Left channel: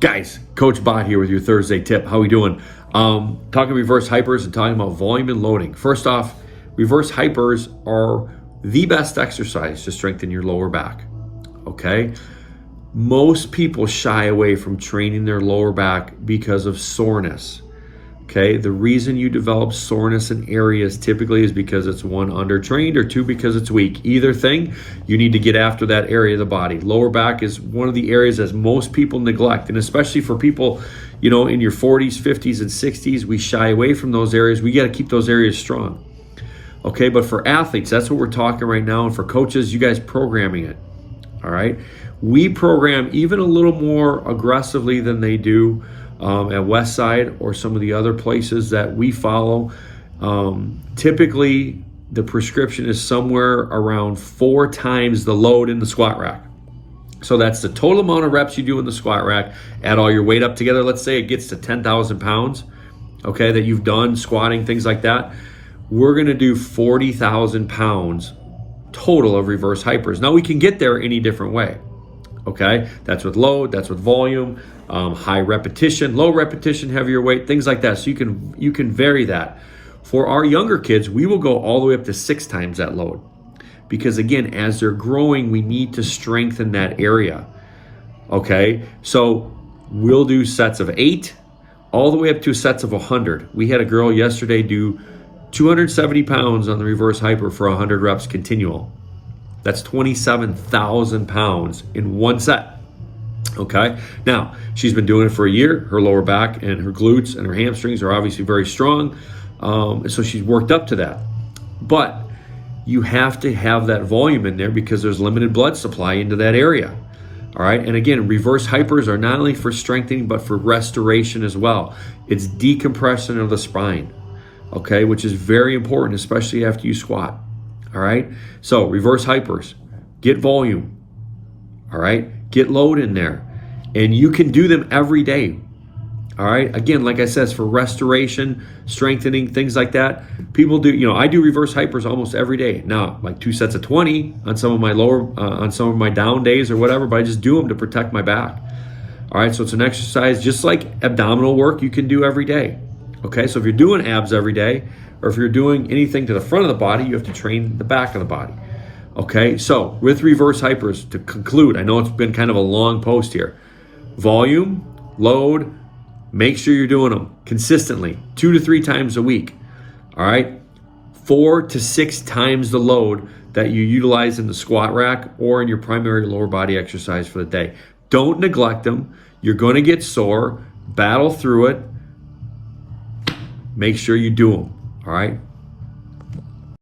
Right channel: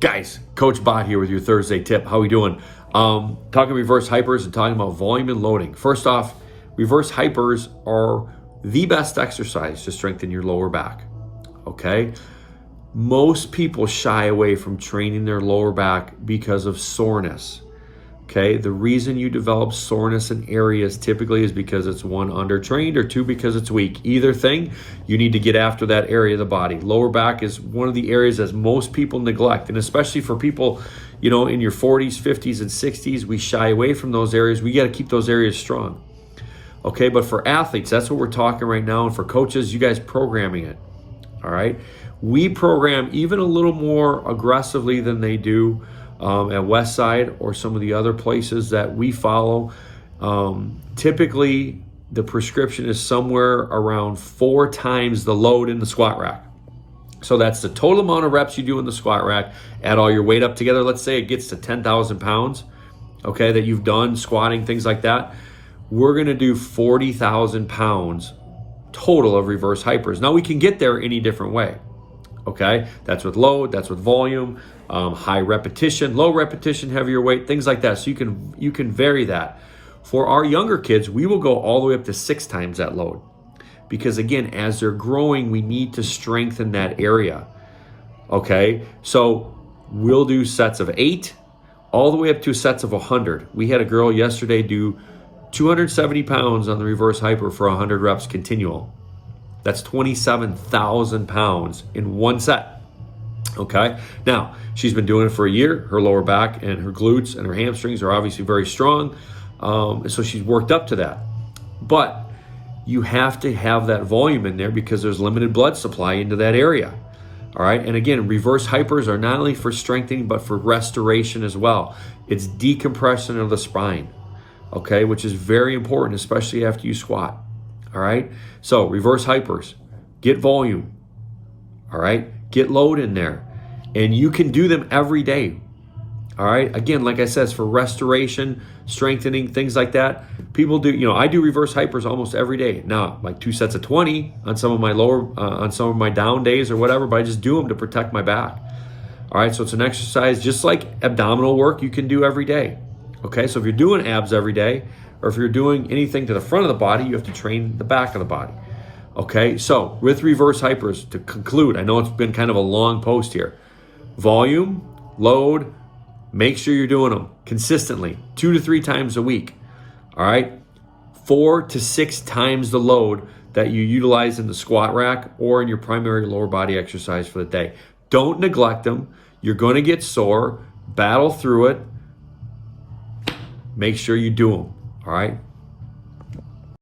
Guys, Coach Bot here with your Thursday tip. How we doing? Talking reverse hypers and talking about volume and loading. First off, reverse hypers are the best exercise to strengthen your lower back, okay? Most people shy away from training their lower back because of soreness, okay? The reason you develop soreness in areas typically is because it's one, undertrained, or two, because it's weak. Either thing, you need to get after that area of the body. Lower back is one of the areas that most people neglect, and especially for people, you know, in your 40s, 50s, and 60s, we shy away from those areas. We got to keep those areas strong, okay? But for athletes, that's what we're talking right now, and for coaches, you guys programming it, all right? We program even a little more aggressively than they do at Westside or some of the other places that we follow. Typically, the prescription is somewhere around 4 times the load in the squat rack. So that's the total amount of reps you do in the squat rack. Add all your weight up together. Let's say it gets to 10,000 pounds, okay, that you've done squatting, things like that. We're going to do 40,000 pounds total of reverse hypers. Now, we can get there any different way. Okay, that's with load, that's with volume, high repetition, low repetition, heavier weight, things like that. So you can vary that. For our younger kids, we will go all the way up to 6 times that load. Because again, as they're growing, we need to strengthen that area. Okay, so we'll do sets of 8, all the way up to sets of 100. We had a girl yesterday do 270 pounds on the reverse hyper for 100 reps continual. That's 27,000 pounds in one set, okay? Now, she's been doing it for a year. Her lower back and her glutes and her hamstrings are obviously very strong, so she's worked up to that. But you have to have that volume in there because there's limited blood supply into that area, all right? And again, reverse hypers are not only for strengthening, but for restoration as well. It's decompression of the spine, okay, which is very important, especially after you squat. All right, so reverse hypers, get volume, all right, get load in there, and you can do them every day. All right, again, like I said, it's for restoration, strengthening, things like that. People do, you know, I do reverse hypers almost every day. Now, like 2 sets of 20 on some of my on some of my down days or whatever, but I just do them to protect my back. All right, so it's an exercise just like abdominal work you can do every day. Okay, so if you're doing abs every day, or if you're doing anything to the front of the body, you have to train the back of the body. Okay, so with reverse hypers, to conclude, I know it's been kind of a long post here. Volume, load, make sure you're doing them consistently, 2 to 3 times a week. All right, 4 to 6 times the load that you utilize in the squat rack or in your primary lower body exercise for the day. Don't neglect them. You're going to get sore. Battle through it. Make sure you do them. All right,